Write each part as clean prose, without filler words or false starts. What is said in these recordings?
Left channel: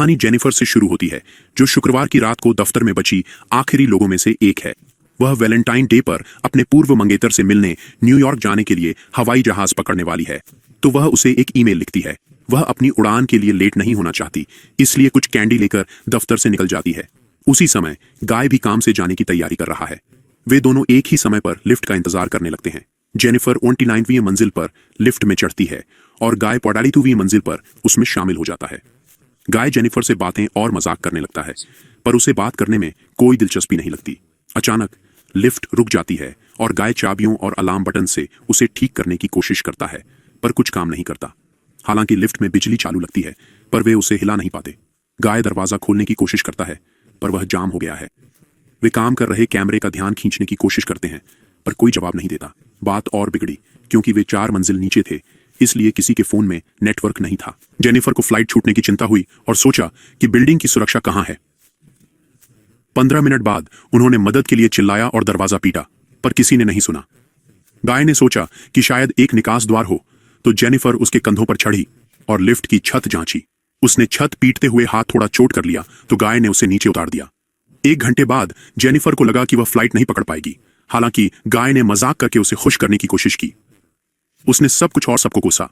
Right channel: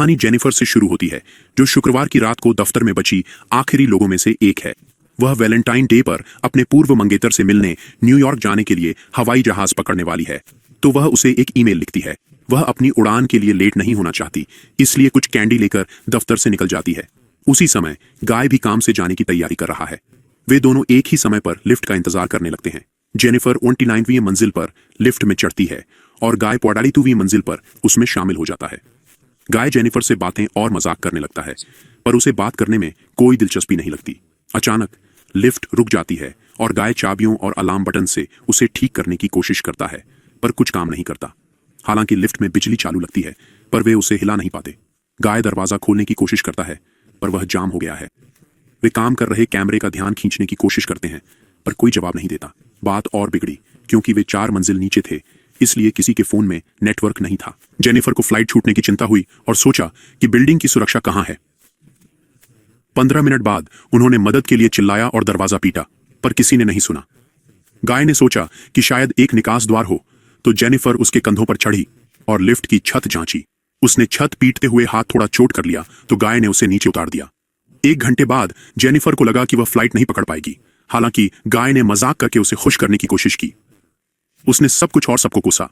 कहानी जेनिफर से शुरू होती है, जो शुक्रवार की रात को दफ्तर में बची आखिरी लोगों में से एक है। वह वैलेंटाइन डे पर अपने पूर्व मंगेतर से मिलने न्यूयॉर्क जाने के लिए हवाई जहाज पकड़ने वाली है, तो वह उसे एक ईमेल लिखती है। वह अपनी उड़ान के लिए लेट नहीं होना चाहती, इसलिए कुछ कैंडी लेकर दफ्तर से निकल जाती है। उसी समय गाय भी काम से जाने की तैयारी कर रहा है। वे दोनों एक ही समय पर लिफ्ट का इंतजार करने लगते हैं। जेनिफर 29वीं मंजिल पर लिफ्ट में चढ़ती है और गाय 42वीं मंजिल पर उसमें शामिल हो जाता है। गाय जेनिफर से बातें और मजाक करने लगता है, पर उसे बात करने में कोई दिलचस्पी नहीं लगती। अचानक लिफ्ट रुक जाती है और गाय चाबियों और अलार्म बटन से उसे ठीक करने की कोशिश करता है, पर कुछ काम नहीं करता। हालांकि लिफ्ट में बिजली चालू लगती है, पर वे उसे हिला नहीं पाते। गाय दरवाजा खोलने की कोशिश करता है, पर वह जाम हो गया है। वे काम कर रहे कैमरे का ध्यान खींचने की कोशिश करते हैं, पर कोई जवाब नहीं देता। बात और बिगड़ी, क्योंकि वे 4 मंजिल नीचे थे, इसलिए किसी के फोन में नेटवर्क नहीं था। जेनिफर को फ्लाइट छूटने की चिंता हुई और सोचा कि बिल्डिंग की सुरक्षा कहां है। 15 मिनट बाद उन्होंने मदद के लिए चिल्लाया और दरवाजा पीटा, पर किसी ने नहीं सुना। गाय ने सोचा कि शायद एक निकास द्वार हो, तो जेनिफर उसके कंधों पर चढ़ी और लिफ्ट की छत जांची। उसने छत पीटते हुए हाथ थोड़ा चोट कर लिया, तो गाय ने उसे नीचे उतार दिया। 1 घंटे बाद जेनिफर को लगा कि वह फ्लाइट नहीं पकड़ पाएगी। हालांकि गाय ने मजाक करके उसे खुश करने की कोशिश की। उसने सब कुछ और सबको कोसा।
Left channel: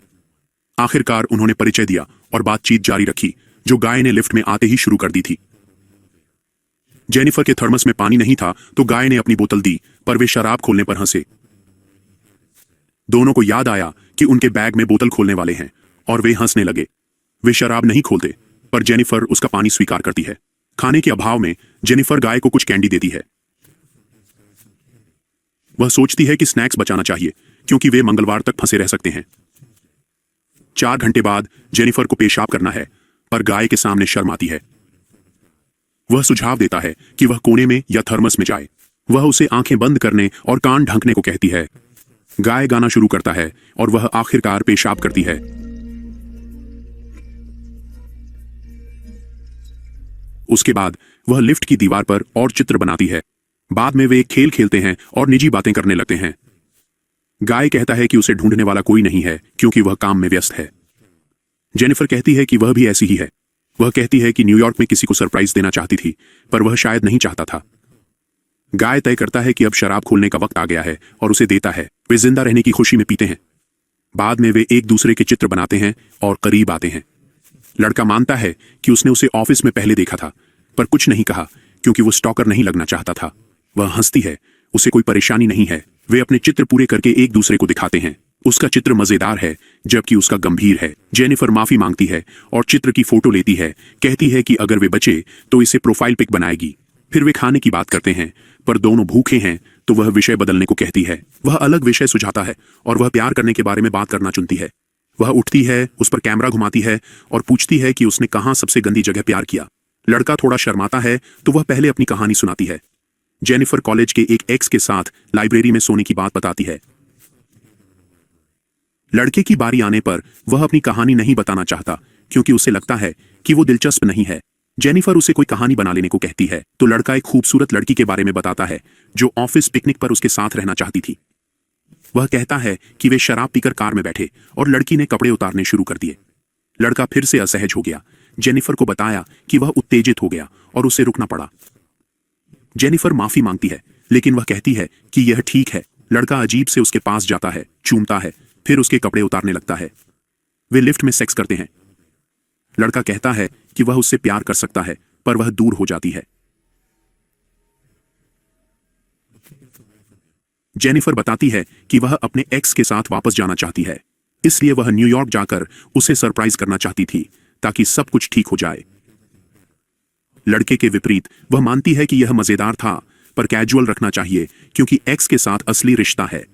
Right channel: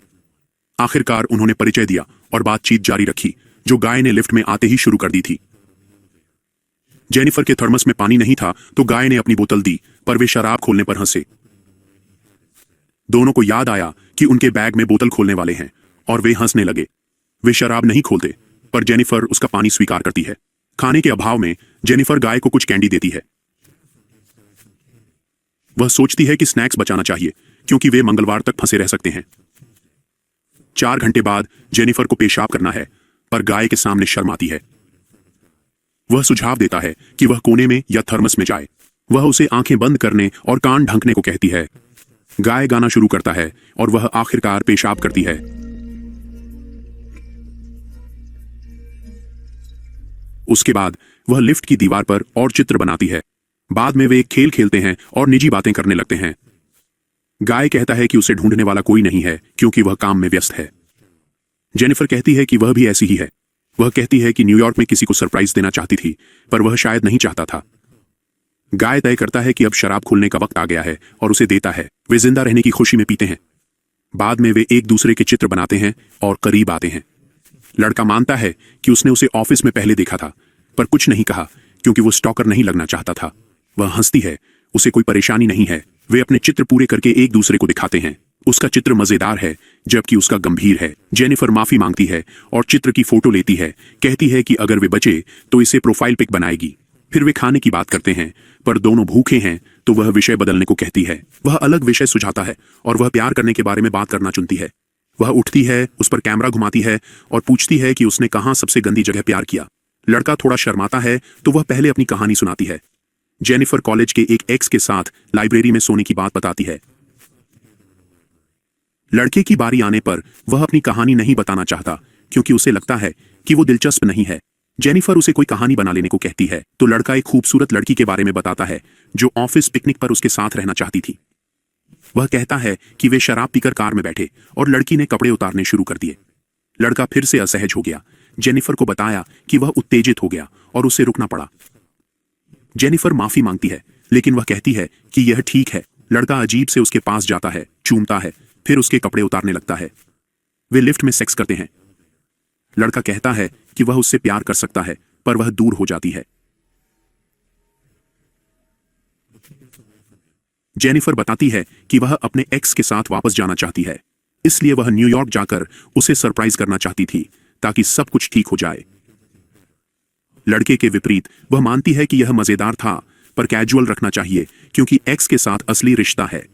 आखिरकार उन्होंने परिचय दिया और बातचीत जारी रखी, जो गाय ने लिफ्ट में आते ही शुरू कर दी थी। जेनिफर के थर्मस में पानी नहीं था, तो गाय ने अपनी बोतल दी, पर वे शराब खोलने पर हंसे। दोनों को याद आया कि उनके बैग में बोतल खोलने वाले हैं, और वे हंसने लगे। वे शराब नहीं खोलते, पर जेनिफर उसका पानी स्वीकार करती है। खाने के अभाव में जेनिफर गाय को कुछ कैंडी देती है। वह सोचती है कि स्नैक्स बचाना चाहिए, क्योंकि वे मंगलवार तक फंसे रह सकते हैं। 4 घंटे बाद जेनिफर को पेशाब करना है, पर गाय के सामने शर्म आती है। वह सुझाव देता है कि वह कोने में या थर्मस में जाए। वह उसे आंखें बंद करने और कान ढंकने को कहती है। गाय गाना शुरू करता है और वह आखिरकार पेशाब करती है। उसके बाद वह लिफ्ट की दीवार पर और चित्र बनाती है। बाद में वे एक खेल खेलते हैं और निजी बातें करने लगते हैं। गाय कहता है कि उसे ढूंढने वाला कोई नहीं है, क्योंकि वह काम में व्यस्त है। जेनिफर कहती है कि वह भी ऐसी ही है। वह कहती है कि न्यूयॉर्क में किसी को सरप्राइज देना चाहती थी, पर वह शायद नहीं चाहता था। गाय तय करता है कि अब शराब खोलने का वक्त आ गया है और उसे देता है। वे जिंदा रहने की खुशी में पीते हैं। बाद में वे एक दूसरे के चित्र बनाते हैं और करीब आते हैं। लड़का मानता है कि उसने उसे ऑफिस में पहले देखा था, पर कुछ नहीं कहा, क्योंकि वो स्टॉकर नहीं लगना चाहता था। वह हंसती है, उसे कोई परेशानी नहीं है। वे अपने चित्र पूरे करके एक दूसरे को दिखाते हैं। उसका चित्र मजेदार है, जबकि उसका गंभीर है। जेनिफर माफी मांगती है और चित्र की फोटो लेती है। कहती है कि अगर वे बचे तो इसे प्रोफाइल पिक बनाएगी। फिर वे खाने की बात करते हैं, पर दोनों भूखे हैं, तो वह विषय बदलने को कहती है। वह अलग विषय सुझाता है और वह प्यार करने के बारे में बात करना चुनती है। वह उठती है, उस पर कैमरा घुमाती है और पूछती है कि उसने कहां सबसे गंदी जगह प्यार किया। लड़का थोड़ा शर्माता है, तो वह पहले अपनी कहानी सुनाती है। जेनिफर कॉलेज के एक एक्स के साथ लाइब्रेरी में सोने की बात बताती है। लड़के की बारी आने पर वह अपनी कहानी नहीं बताना चाहता, क्योंकि उसे लगता है कि वो दिलचस्प नहीं है। जेनिफर उसे कोई कहानी बना लेने को कहती है, तो लड़का एक खूबसूरत लड़की के बारे में बताता है, जो ऑफिस पिकनिक पर उसके साथ रहना चाहती थी। वह कहता है कि वे शराब पीकर कार में बैठे और लड़की ने कपड़े उतारने शुरू कर दिए। लड़का फिर से असहज हो गया। जेनिफर को बताया कि वह उत्तेजित हो गया और उसे रुकना पड़ा। जेनिफर माफी मांगती है, लेकिन वह कहती है कि यह ठीक है। लड़का अजीब से उसके पास जाता है, चूमता है, फिर उसके कपड़े उतारने लगता है। वे लिफ्ट में सेक्स करते हैं। लड़का कहता है कि वह उससे प्यार कर सकता है, पर वह दूर हो जाती है। जेनिफर बताती है कि वह अपने एक्स के साथ वापस जाना चाहती है, इसलिए वह न्यूयॉर्क जाकर उसे सरप्राइज करना चाहती थी, ताकि सब कुछ ठीक हो जाए। लड़के के विपरीत वह मानती है कि यह मजेदार था, पर कैजुअल रखना चाहिए, क्योंकि एक्स के साथ असली रिश्ता है।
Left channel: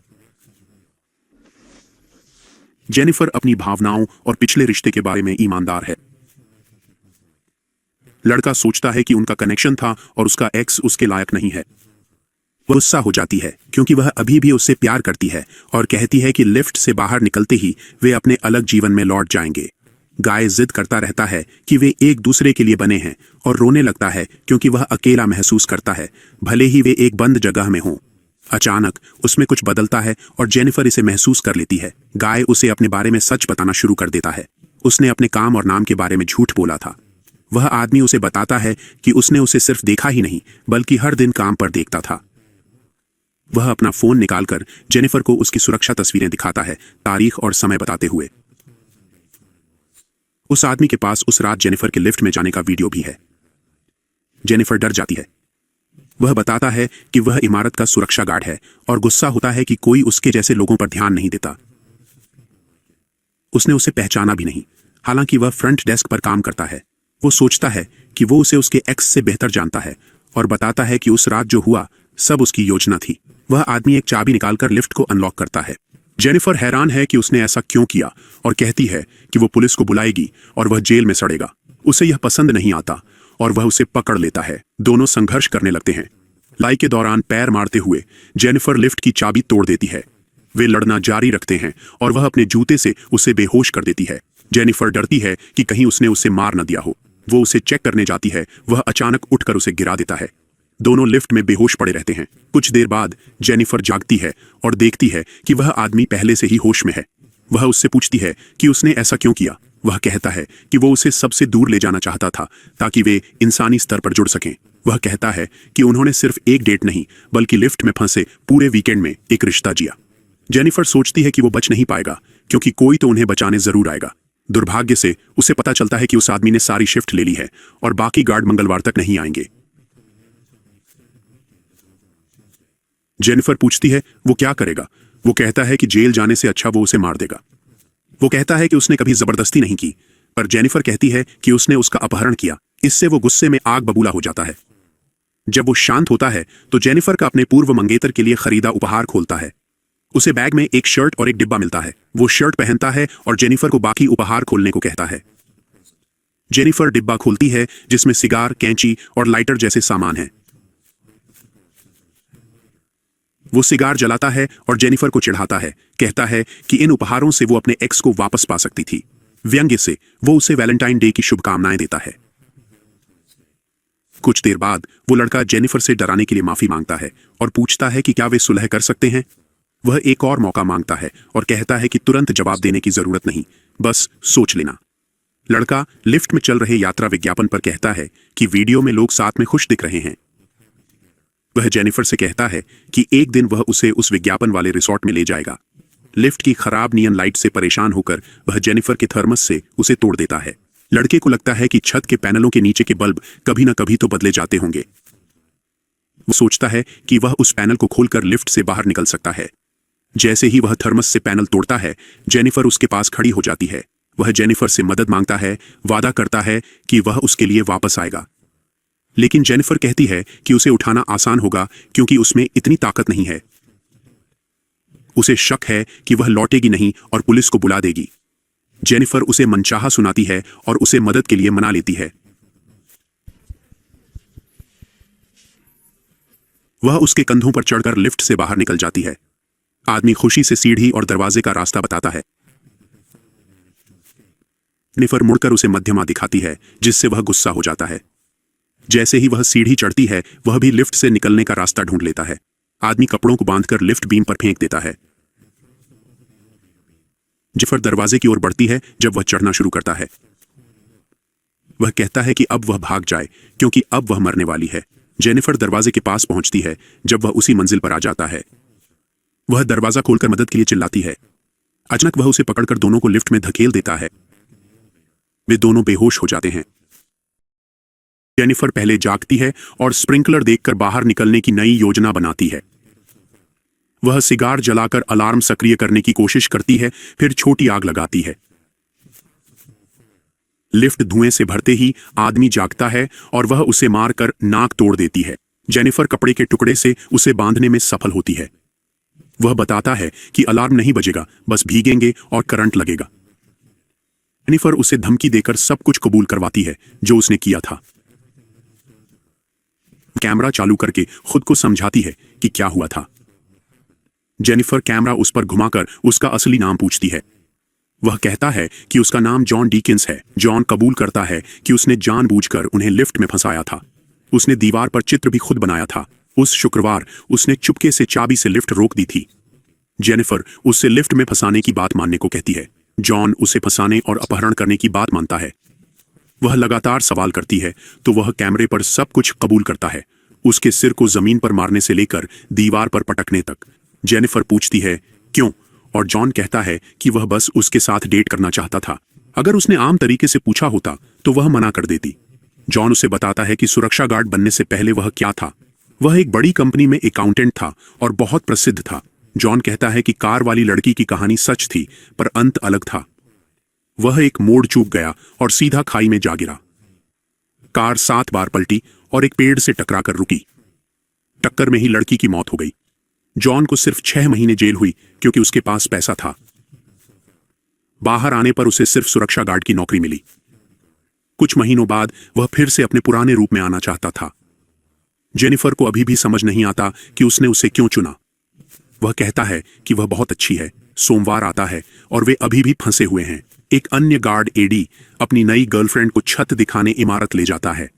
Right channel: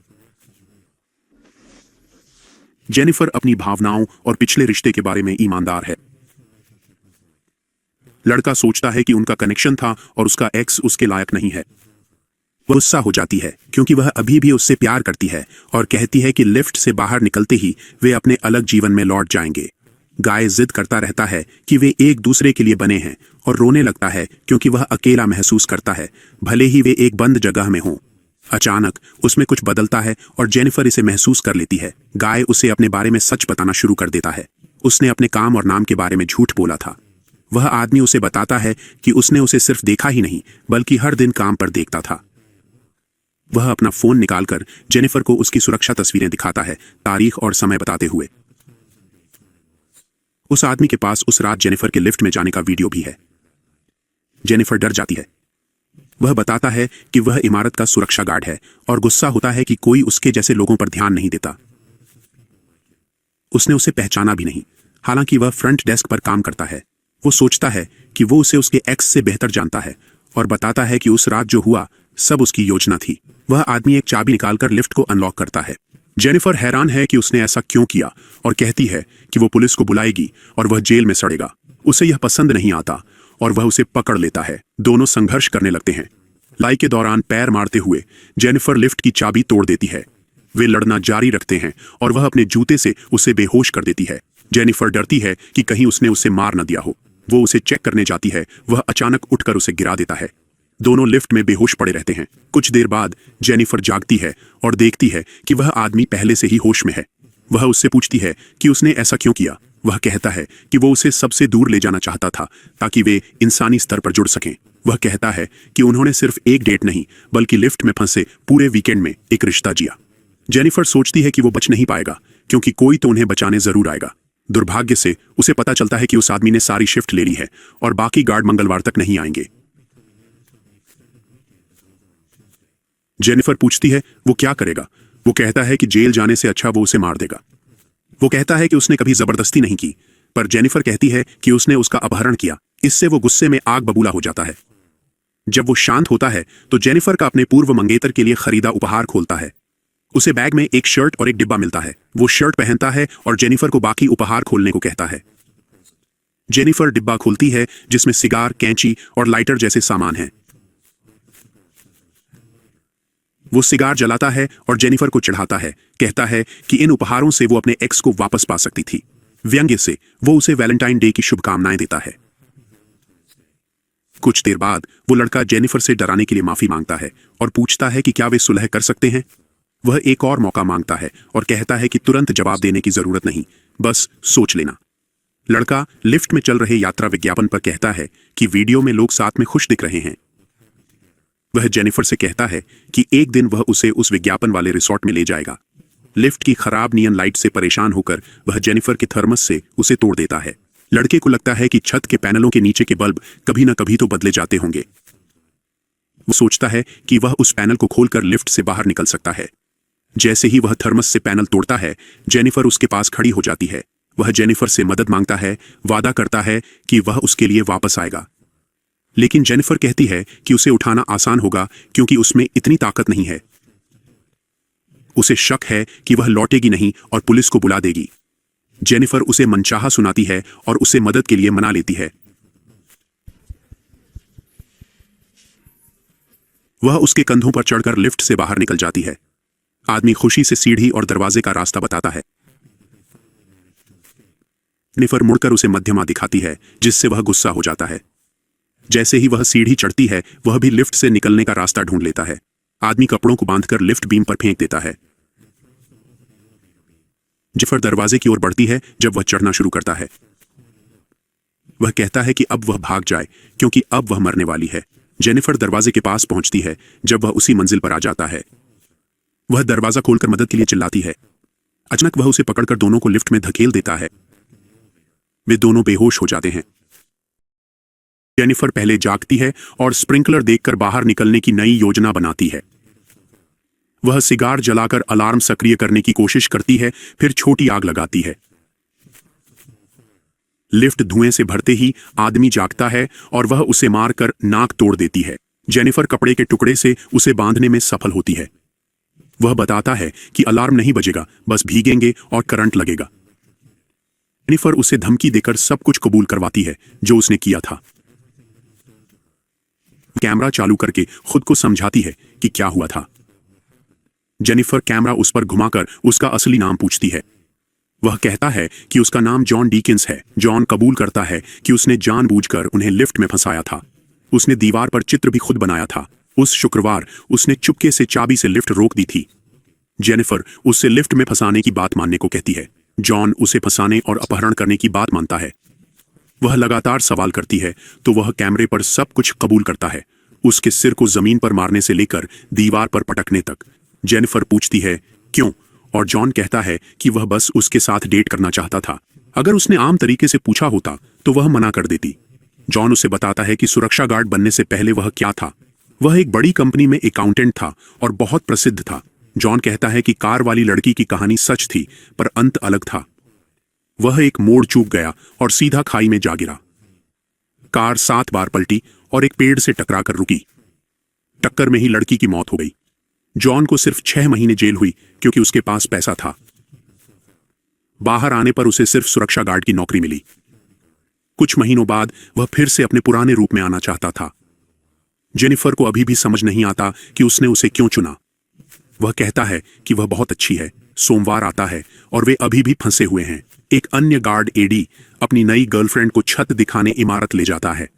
जेनिफर अपनी भावनाओं और पिछले रिश्ते के बारे में ईमानदार है। लड़का सोचता है कि उनका कनेक्शन था और उसका एक्स उसके लायक नहीं है। वह गुस्सा हो जाती है, क्योंकि वह अभी भी उससे प्यार करती है और कहती है कि लिफ्ट से बाहर निकलते ही वे अपने अलग जीवन में लौट जाएंगे। गाय जिद करता रहता है कि वे एक दूसरे के लिए बने हैं और रोने लगता है, क्योंकि वह अकेला महसूस करता है, भले ही वे एक बंद जगह में हों। अचानक उसमें कुछ बदलता है और जेनिफर इसे महसूस कर लेती है। गाय उसे अपने बारे में सच बताना शुरू कर देता है। उसने अपने काम और नाम के बारे में झूठ बोला था। वह आदमी उसे बताता है कि उसने उसे सिर्फ देखा ही नहीं बल्कि हर दिन काम पर देखता था। वह अपना फोन निकालकर जेनिफर को उसकी सुरक्षा तस्वीरें दिखाता है, तारीख और समय बताते हुए। उस आदमी के पास उस रात जेनिफर के लिफ्ट में जाने का वीडियो भी है। जेनिफर डर जाती है। वह बताता है कि वह इमारत का सुरक्षा गार्ड है और गुस्सा होता है कि कोई उसके जैसे लोगों पर ध्यान नहीं देता। उसने उसे पहचाना भी नहीं, हालांकि वह फ्रंट डेस्क पर काम करता है। वो सोचता है कि वो उसे उसके एक्स से बेहतर जानता है और बताता है कि उस रात जो हुआ सब उसकी योजना थी। वह आदमी एक चाबी निकालकर लिफ्ट को अनलॉक करता है। जेनिफर हैरान है कि उसने ऐसा क्यों किया और कहती है कि वो पुलिस को बुलाएगी और वह जेल में सड़ेगा। उसे यह पसंद नहीं आता और वह उसे पकड़ लेता है। दोनों संघर्ष करने लगते हैं। लड़ाई के दौरान पैर मारते हुए जेनिफर लिफ्ट की चाबी तोड़ देती है। वे लड़ना जारी रखते हैं और वह अपने जूते से उसे बेहोश कर देती है। जेनिफर डरती है कि कहीं उसने उसे मार न दिया हो। वो उसे चेक करने जाती है। वह अचानक उठकर उसे गिरा देता है। दोनों लिफ्ट में बेहोश पड़े रहते हैं। कुछ देर बाद जेनिफर जागती है और देखती है कि वह आदमी पहले से ही होश में है। वह उससे पूछती है कि उसने ऐसा क्यों किया। वह कहता है कि वो उसे सबसे दूर ले जाना चाहता था ताकि वे इंसानी स्तर पर जुड़ सकें। वह कहता है कि उन्होंने सिर्फ एक डेट नहीं बल्कि लिफ्ट में फंसे पूरे वीकेंड में एक रिश्ता जिया। जेनिफर सोचती है कि वो बच नहीं पाएगा क्योंकि कोई तो उन्हें बचाने जरूर आएगा। दुर्भाग्य से उसे पता चलता है कि उस आदमी ने सारी शिफ्ट ले ली है और बाकी गार्ड मंगलवार तक नहीं आएंगे। जेनिफर पूछती है वो क्या करेगा। वो कहता है कि जेल जाने से अच्छा वो उसे मार देगा। वो कहता है कि उसने कभी जबरदस्ती नहीं की, पर जेनिफर कहती है कि उसने उसका अपहरण किया। इससे वो गुस्से में आग बबूला हो जाता है। जब वो शांत होता है तो जेनिफर का अपने पूर्व मंगेतर के लिए खरीदा उपहार खोलता है। उसे बैग में एक शर्ट और एक डिब्बा मिलता है। वो शर्ट पहनता है और जेनिफर को बाकी उपहार खोलने को कहता है। जेनिफर डिब्बा खोलती है जिसमें सिगार, कैंची और लाइटर जैसे सामान हैं। वो सिगार जलाता है और जेनिफर को चिढ़ाता है, कहता है कि इन उपहारों से वो अपने एक्स को वापस पा सकती थी। व्यंग्य से वो उसे वैलेंटाइन डे की शुभकामनाएं देता है। कुछ देर बाद वो लड़का जेनिफर से डराने के लिए माफी मांगता है और पूछता है कि क्या वे सुलह कर सकते हैं। वह एक और मौका मांगता है और कहता है कि तुरंत जवाब देने की जरूरत नहीं, बस सोच लेना। लड़का लिफ्ट में चल रहे यात्रा विज्ञापन पर कहता है कि वीडियो में लोग साथ में खुश दिख रहे हैं। वह जेनिफर से कहता है कि एक दिन वह उसे उस विज्ञापन वाले रिसोर्ट में ले जाएगा। लिफ्ट की खराब नियन लाइट से परेशान होकर वह जेनिफर के थर्मस से उसे तोड़ देता है। लड़के को लगता है कि छत के पैनलों के नीचे के बल्ब कभी न कभी तो बदले जाते होंगे। वो सोचता है कि वह उस पैनल को खोलकर लिफ्ट से बाहर निकल सकता है। जैसे ही वह थर्मस से पैनल तोड़ता है, जेनिफर उसके पास खड़ी हो जाती है। वह जेनिफर से मदद मांगता है, वादा करता है कि वह उसके लिए वापस आएगा। लेकिन जेनिफर कहती है कि उसे उठाना आसान होगा क्योंकि उसमें इतनी ताकत नहीं है। उसे शक है कि वह लौटेगी नहीं और पुलिस को बुला देगी। जेनिफर उसे मनचाहा सुनाती है और उसे मदद के लिए मना लेती है। वह उसके कंधों पर चढ़कर लिफ्ट से बाहर निकल जाती है। आदमी खुशी से सीढ़ी और दरवाजे का रास्ता बताता है। जेनिफर मुड़कर उसे मध्यमा दिखाती है, जिससे वह गुस्सा हो जाता है। जैसे ही वह सीढ़ी चढ़ती है, वह भी लिफ्ट से निकलने का रास्ता ढूंढ लेता है। आदमी कपड़ों को बांधकर लिफ्ट बीम पर फेंक देता है। जेनिफर दरवाजे की ओर बढ़ती है जब वह चढ़ना शुरू करता है। वह कहता है कि अब वह भाग जाए क्योंकि अब वह मरने वाली है। जेनिफर दरवाजे के पास पहुंचती है जब वह उसी मंजिल पर आ जाता है। वह दरवाजा खोलकर मदद के लिए चिल्लाती है। अचानक वह उसे पकड़कर दोनों को लिफ्ट में धकेल देता है। वे दोनों बेहोश हो जाते हैं। जेनिफर पहले जागती है और स्प्रिंकलर देखकर बाहर निकलने की नई योजना बनाती है। वह सिगार जलाकर अलार्म सक्रिय करने की कोशिश करती है, फिर छोटी आग लगाती है। लिफ्ट धुएं से भरते ही आदमी जागता है और वह उसे मारकर नाक तोड़ देती है। जेनिफर कपड़े के टुकड़े से उसे बांधने में सफल होती है। वह बताता है कि अलार्म नहीं बजेगा, बस भीगेंगे और करंट लगेगा। जेनिफर उसे धमकी देकर सब कुछ कबूल करवाती है जो उसने किया था। कैमरा चालू करके खुद को समझाती है कि क्या हुआ था। जेनिफर कैमरा उस पर घुमाकर उसका असली नाम पूछती है। वह कहता है कि उसका नाम जॉन डीकिंस है। जॉन कबूल करता है कि उसने जानबूझकर उन्हें लिफ्ट में फंसाया था। उसने दीवार पर चित्र भी खुद बनाया था। उस शुक्रवार उसने चुपके से चाबी से लिफ्ट रोक दी थी। जेनिफर उससे लिफ्ट में फंसाने की बात मानने को कहती है। जॉन उसे फंसाने और अपहरण करने की बात मानता है। वह लगातार सवाल करती है तो वह कैमरे पर सब कुछ कबूल करता है, उसके सिर को जमीन पर मारने से लेकर दीवार पर पटकने तक। जेनिफर पूछती है क्यों, और जॉन कहता है कि वह बस उसके साथ डेट करना चाहता था। अगर उसने आम तरीके से पूछा होता तो वह मना कर देती। जॉन उसे बताता है कि सुरक्षा गार्ड बनने से पहले वह क्या था। वह एक बड़ी कंपनी में अकाउंटेंट था और बहुत प्रसिद्ध था। जॉन कहता है कि कार वाली लड़की की कहानी सच थी, पर अंत अलग था। वह एक मोड़ चूक गया और सीधा खाई में जा गिरा। कार 7 बार पलटी और एक पेड़ से टकराकर रुकी। टक्कर में ही लड़की की मौत हो गई। जॉन को सिर्फ 6 महीने जेल हुई क्योंकि उसके पास पैसा था। बाहर आने पर उसे सिर्फ सुरक्षा गार्ड की नौकरी मिली। कुछ महीनों बाद वह फिर से अपने पुराने रूप में आना चाहता था। जेनिफर को अभी भी समझ नहीं आता कि उसने उसे क्यों चुना। वह कहता है कि वह बहुत अच्छी है। सोमवार आता है और वे अभी भी फंसे हुए हैं। एक अन्य गार्ड एडी अपनी नई गर्लफ्रेंड को छत दिखाने इमारत ले जाता है।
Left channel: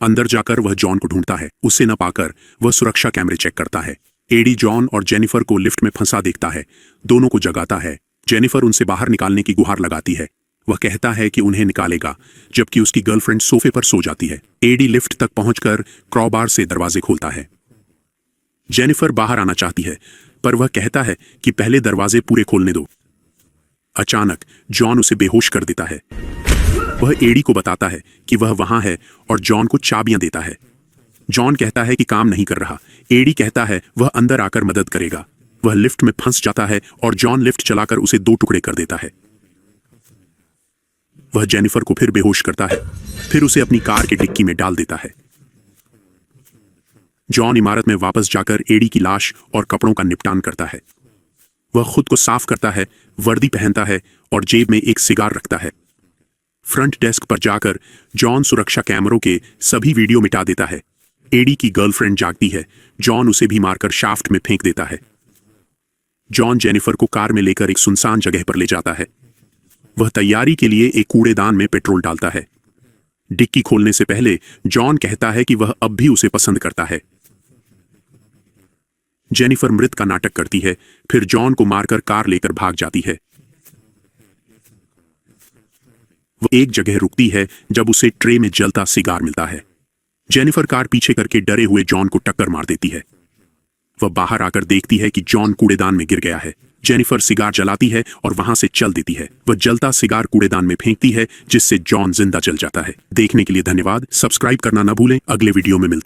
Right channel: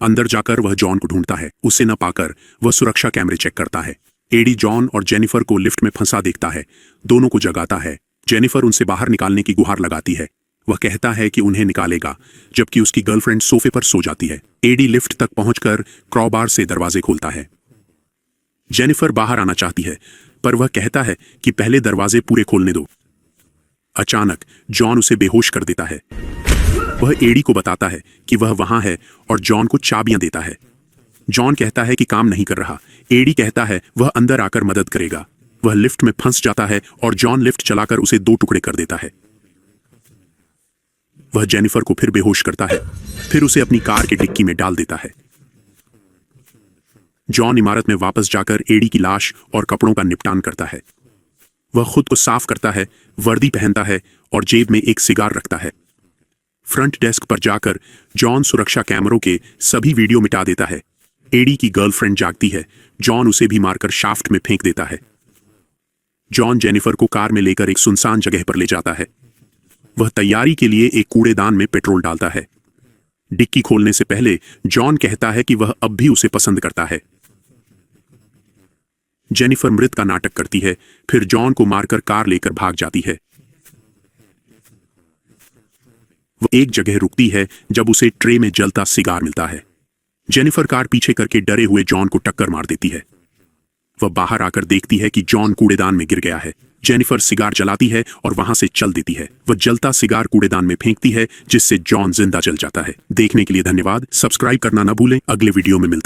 अंदर जाकर वह जॉन को ढूंढता है। उसे न पाकर वह सुरक्षा कैमरे चेक करता है। एडी जॉन और जेनिफर को लिफ्ट में फंसा देखता है। दोनों को जगाता है। जेनिफर उनसे बाहर निकालने की गुहार लगाती है। वह कहता है कि उन्हें निकालेगा, जबकि उसकी गर्लफ्रेंड सोफे पर सो जाती है। एडी लिफ्ट तक पहुंचकर क्रॉबार से दरवाजे खोलता है। जेनिफर बाहर आना चाहती है, पर वह कहता है कि पहले दरवाजे पूरे खोलने दो। अचानक जॉन उसे बेहोश कर देता है। वह एडी को बताता है कि वह वहां है और जॉन को चाबियां देता है। जॉन कहता है कि काम नहीं कर रहा। एडी कहता है वह अंदर आकर मदद करेगा। वह लिफ्ट में फंस जाता है और जॉन लिफ्ट चलाकर उसे 2 टुकड़े कर देता है। वह जेनिफर को फिर बेहोश करता है, फिर उसे अपनी कार की डिक्की में डाल देता है। जॉन इमारत में वापस जाकर एडी की लाश और कपड़ों का निपटान करता है। वह खुद को साफ करता है, वर्दी पहनता है और जेब में एक सिगार रखता है। फ्रंट डेस्क पर जाकर जॉन सुरक्षा कैमरों के सभी वीडियो मिटा देता है। एडी की गर्लफ्रेंड जागती है। जॉन उसे भी मारकर शाफ्ट में फेंक देता है। जॉन जेनिफर को कार में लेकर एक सुनसान जगह पर ले जाता है। वह तैयारी के लिए एक कूड़ेदान में पेट्रोल डालता है। डिक्की खोलने से पहले जॉन कहता है कि वह अब भी उसे पसंद करता है। जेनिफर मृत का नाटक करती है, फिर जॉन को मारकर कार लेकर भाग जाती है। वह एक जगह रुकती है जब उसे ट्रे में जलता सिगार मिलता है। जेनिफर कार पीछे करके डरे हुए जॉन को टक्कर मार देती है। वह बाहर आकर देखती है कि जॉन कूड़ेदान में गिर गया है। जेनिफर सिगार जलाती है और वहां से चल देती है। वह जलता सिगार कूड़ेदान में फेंकती है, जिससे जॉन जिंदा जल जाता है। देखने के लिए धन्यवाद। सब्सक्राइब करना न भूलें। अगले वीडियो में मिलते हैं।